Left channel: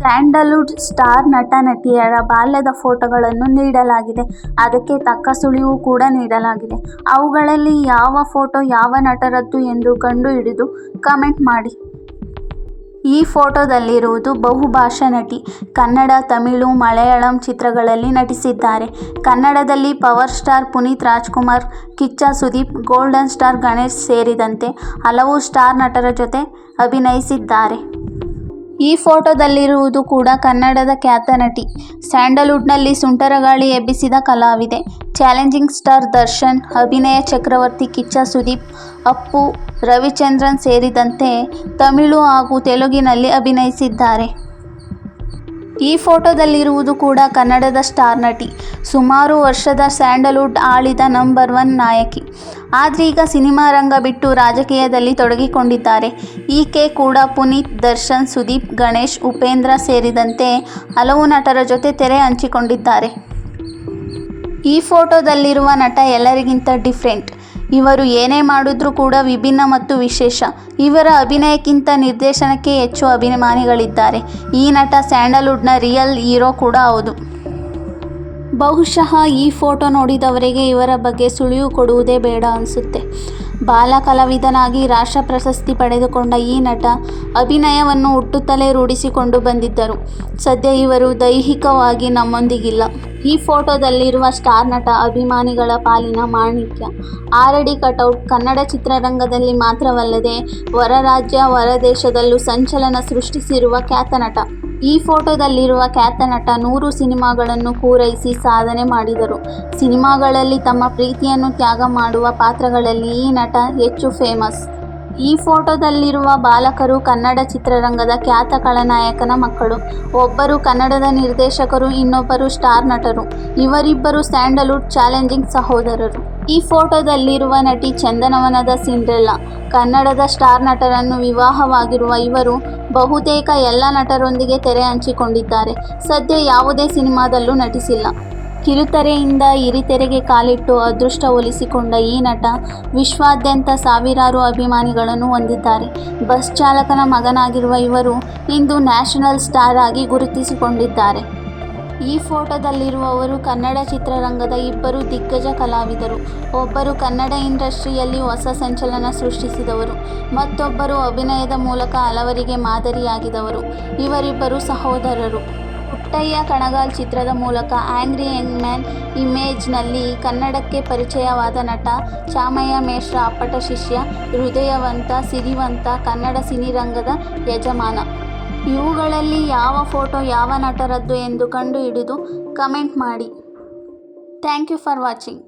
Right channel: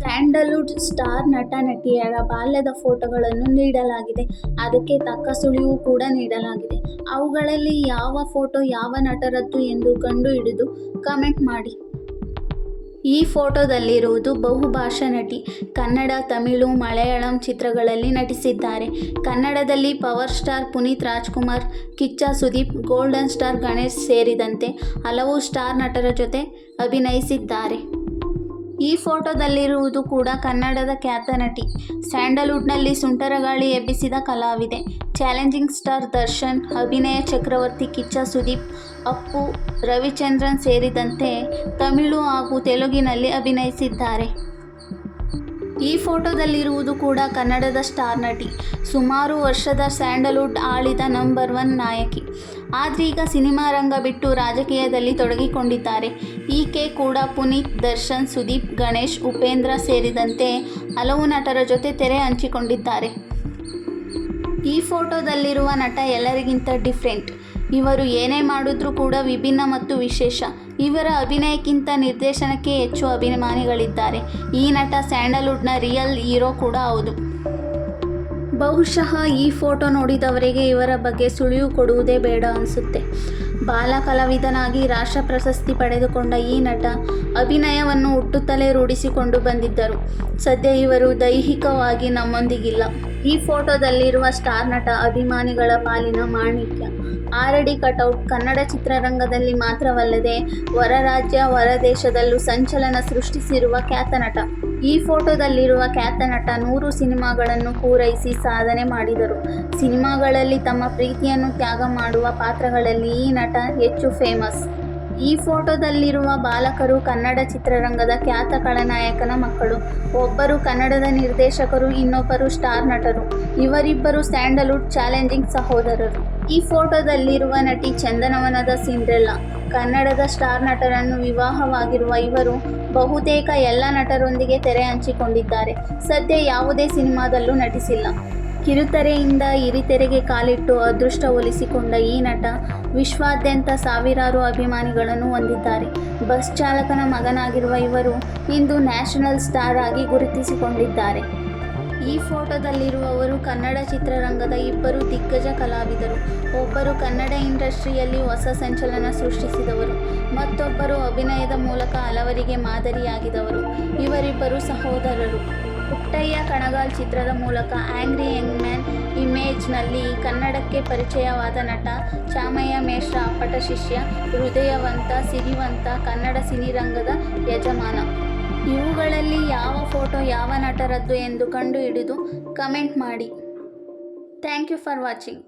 Sandalwood star ನಟ ನಟಿಯರ ಬಾಲ್ಯದ ಫೋಟೋಗಳನ್ನು ನೀಡಲಾಗಿದೆ. ಅದಕ್ಕೆ ತಕ್ಕ ಸುಳಿವು ಕೂಡ ನೀಡಲಾಗಿದೆ. ಅವುಗಳಲ್ಲಿ ಯಾವ ಫೋಟೋ ಯಾವ ನಟರದ್ದು ಎಂದು ಕಂಡುಹಿಡಿದು ಕಮೆಂಟ್ ಮಾಡಿ. ಈ ಫೋಟೋದಲ್ಲಿರುವುದು ಬಹುಭಾಷಾ ನಟಿ. ಕನ್ನಡ, ತಮಿಳು, ಮಲಯಾಳಂ ಚಿತ್ರಗಳಲ್ಲಿ ನಟಿಸಿದ್ದಾರೆ. ಕನ್ನಡದಲ್ಲಿ power star Puneeth Rajkumar, Kichcha Sudeep, golden star Ganesh ಸೇರಿದಂತೆ ಹಲವು ಸ್ಟಾರ್ ನಟರ ಜೊತೆ ಅಭಿನಯಿಸಿದ್ದಾರೆ. ಈ ಫೋಟೋದಲ್ಲಿರುವುದು ಕೂಡ ಕನ್ನಡದ ಖ್ಯಾತ ನಟಿ. ಸ್ಯಾಂಡಲ್ವುಡ್ನಲ್ಲಿ ಸುಂಟರಗಾಳಿ ಎಬ್ಬಿಸಿದ ಕಲಾವಿದೆ. ಚಾಲೆಂಜಿಂಗ್ ಸ್ಟಾರ್ ದರ್ಶನ್, ಅಭಿನಯ ಚಕ್ರವರ್ತಿ ಕಿಚ್ಚ ಸುದೀಪ್, ಅಪ್ಪು ರವಿಚಂದ್ರನ್ ಸೇರಿದಂತೆ ತಮಿಳು ಹಾಗೂ ತೆಲುಗಿನಲ್ಲಿ ಅಭಿನಯಿಸಿದ್ದಾರೆ. ಈ ಫೋಟೋದಲ್ಲಿರುವುದು ಕೂಡ ಕನ್ನಡದ ಸ್ಟಾರ್ ನಟಿ. ಸುಮಾರು ವರ್ಷದ ಸ್ಯಾಂಡಲ್ವುಡ್ ಆಳಿದ ನಂಬರ್ ಒನ್ ನಾಯಕಿ. ಆದ್ರೀಗ ಸಿನಿಮಾ ರಂಗ ಬಿಟ್ಟು ರಾಜಕೀಯದಲ್ಲಿ ತೊಡಗಿಕೊಂಡಿದ್ದಾರೆ. ಈಕೆ ಕೂಡ ಪುನೀತ್, ದರ್ಶನ್, ಸುದೀಪ್, ಗಣೇಶ್, ಉಪೇಂದ್ರ ಸೇರಿದಂತೆ ಹಲವು ನಟರ ಜೊತೆ ತೆರೆ ಹಂಚಿಕೊಂಡಿದ್ದಾರೆ. ಈ ಫೋಟೋದಲ್ಲಿರುವ ನಟ ಎಲ್ಲರಿಗಿಂತ ಡಿಫ್ರೆಂಟ್. ಇವರು ಏನೇ ಮಾಡಿದ್ರೂ ಕೂಡ ವಿಭಿನ್ನ ಮತ್ತು ವಿಶೇಷ. ಇವರ ಅಭಿನಯಕ್ಕಿಂತ ನಿರ್ದೇಶನಕ್ಕೆ ಹೆಚ್ಚು ಅಭಿಮಾನಿಗಳಿದ್ದಾರೆ. ಈ ನಟ ಸ್ಯಾಂಡಲ್ವುಡ್ನ ರಿಯಲ್ ಹೀರೋ ಕೂಡ ಹೌದು. ಬಹುಶಃ ಈ ಫೋಟೋ ನೋಡಿದವರಿಗೆ ಇವರ ಬಗ್ಗೆ ಸುಳಿವು ಕೊಡುವುದೇ ಬೇಡ ಅನಿಸುತ್ತೆ. ಬಾಲ ಕಲಾವಿದನಾಗಿ ರಾಷ್ಟ್ರ ಪ್ರಶಸ್ತಿ ಪಡೆದುಕೊಂಡ ಈ ನಟ ಅಭಿನಯವನ್ನು ಹುಟ್ಟುತ್ತಲೇ ರೂಢಿಸಿಕೊಂಡು ಬಂದಿದ್ದರು. ಸದ್ಯ ಇವರು ದೈಹಿಕವಾಗಿ ನಮ್ಮೊಂದಿಗಿಲ್ಲ. ಈ ಫೋಟೋದಲ್ಲಿರುವ ಸ್ಟಾರ್ ನಟ ಅಭಿಮಾನಿಗಳ ಪಾಲಿನ ಮಾಣಿಕ್ಯ. ಆರಡಿ ಕಟೌಟ್ ಕನ್ನಡ ಚಿತ್ರರಂಗದಲ್ಲಿ ಮಾತ್ರವಲ್ಲದೆ, ಹೊರ ರಾಜ್ಯ, ಹೊರ ದೇಶದಲ್ಲೂ ಸಂಚಲನ ಸೃಷ್ಟಿಸಿರುವ ಖ್ಯಾತ ನಟ. ಈ ಫೋಟೋದಲ್ಲಿರುವ ಖ್ಯಾತ ನಟ ನೂರು ಸಿನಿಮಾಗಳನ್ನು ಪೂರೈಸಿ ಸಾಧನೆ ಮಾಡಿದರು. ಸಿನಿಮಾಗಳಲ್ಲಿ ತಮ್ಮ ಪ್ರೀತಿಯನ್ನು ತ್ಯಾಗ ಮಾಡುವ ಪಾತ್ರಗಳಲ್ಲಿ ಈ ನಟ ಹೆಚ್ಚು ಫೇಮಸ್. ಈ ಫೋಟೋದಲ್ಲಿರುವ ಬಾಲಕರು ಕನ್ನಡ ಚಿತ್ರರಂಗದ ಖ್ಯಾತ ಖಳನಾಯಕನ ಮಕ್ಕಳು. ಒಬ್ಬರು ಕನ್ನಡದ ನಿರ್ದೇಶಕರು, ಇನ್ನೊಬ್ಬರು ಸ್ಟಾರ್ ನಟರು. ಇವರಿಬ್ಬರು ಸ್ಯಾಂಡಲ್ವುಡ್ ಚಾಲೆಂಜಿಂಗ್ ಸಹೋದರರು. ಈ ಫೋಟೋದಲ್ಲಿರುವ ನಟಿ ಚಂದನವನದ ಸಿಂಡ್ರೆಲ್ಲಾ, ಕನ್ನಡದ ಸ್ಟಾರ್ ನಟರನ್ನು ವಿವಾಹವಾಗಿರುವ ಇವರು ಬಹುತೇಕ ಎಲ್ಲ ನಟರೊಂದಿಗೆ ತೆರೆ ಹಂಚಿಕೊಂಡಿದ್ದಾರೆ. ಸದ್ಯ ಯಾವುದೇ ಸಿನಿಮಾದಲ್ಲೂ ನಟಿಸಿಲ್ಲ. ಕಿರುತೆರೆಯಿಂದ ಹಿರಿತೆರೆಗೆ ಕಾಲಿಟ್ಟು ಅದೃಷ್ಟ ಒಲಿಸಿಕೊಂಡ ಈ ನಟ ವಿಶ್ವಾದ್ಯಂತ ಸಾವಿರಾರು ಅಭಿಮಾನಿಗಳನ್ನು ಹೊಂದಿದ್ದಾರೆ. ಬಸ್ ಚಾಲಕನ ಮಗನಾಗಿರುವ ಇವರು ಇಂದು ನ್ಯಾಷನಲ್ ಸ್ಟಾರ್ ಆಗಿ ಗುರುತಿಸಿಕೊಂಡಿದ್ದಾರೆ. ಈ ಫೋಟೋದಲ್ಲಿರುವವರು ಕನ್ನಡ ಚಿತ್ರರಂಗದ ಇಬ್ಬರು ದಿಗ್ಗಜ ಕಲಾವಿದರು. ಒಬ್ಬರು ಕನ್ನಡ ಇಂಡಸ್ಟ್ರಿಯಲ್ಲಿ ಹೊಸ ಸಂಚಲನ ಸೃಷ್ಟಿಸಿದವರು. ಮತ್ತೊಬ್ಬರು ಅಭಿನಯದ ಮೂಲಕ ಹಲವರಿಗೆ ಮಾದರಿಯಾಗಿದವರು. ಇವರಿಬ್ಬರು ಸಹೋದರರು. ಪುಟ್ಟಯ್ಯ ಕಣಗಾಲ್ ಚಿತ್ರದ ಮೂಲಕ ಆ್ಯಂಗ್ರಿ ಯಂಗ್ ಮ್ಯಾನ್ ಇಮೇಜ್ನಲ್ಲಿ ಕನ್ನಡಕ್ಕೆ ಪರಿಚಯವಾದ ನಟ ಚಾಮಯ್ಯ ಮೇಷ್ರ ಅಪ್ಪಟ ಶಿಷ್ಯ, ಹೃದಯವಂತ, ಸಿರಿವಂತ ಕನ್ನಡ ಸಿನಿರಂಗದ ಯಜಮಾನ. ಇವುಗಳಲ್ಲಿ ಯಾವ ಫೋಟೋ ಯಾವ ನಟರದ್ದು ಎಂದು ಕಂಡುಹಿಡಿದು ಕಮೆಂಟ್ ಮಾಡಿ. Thank you for watching.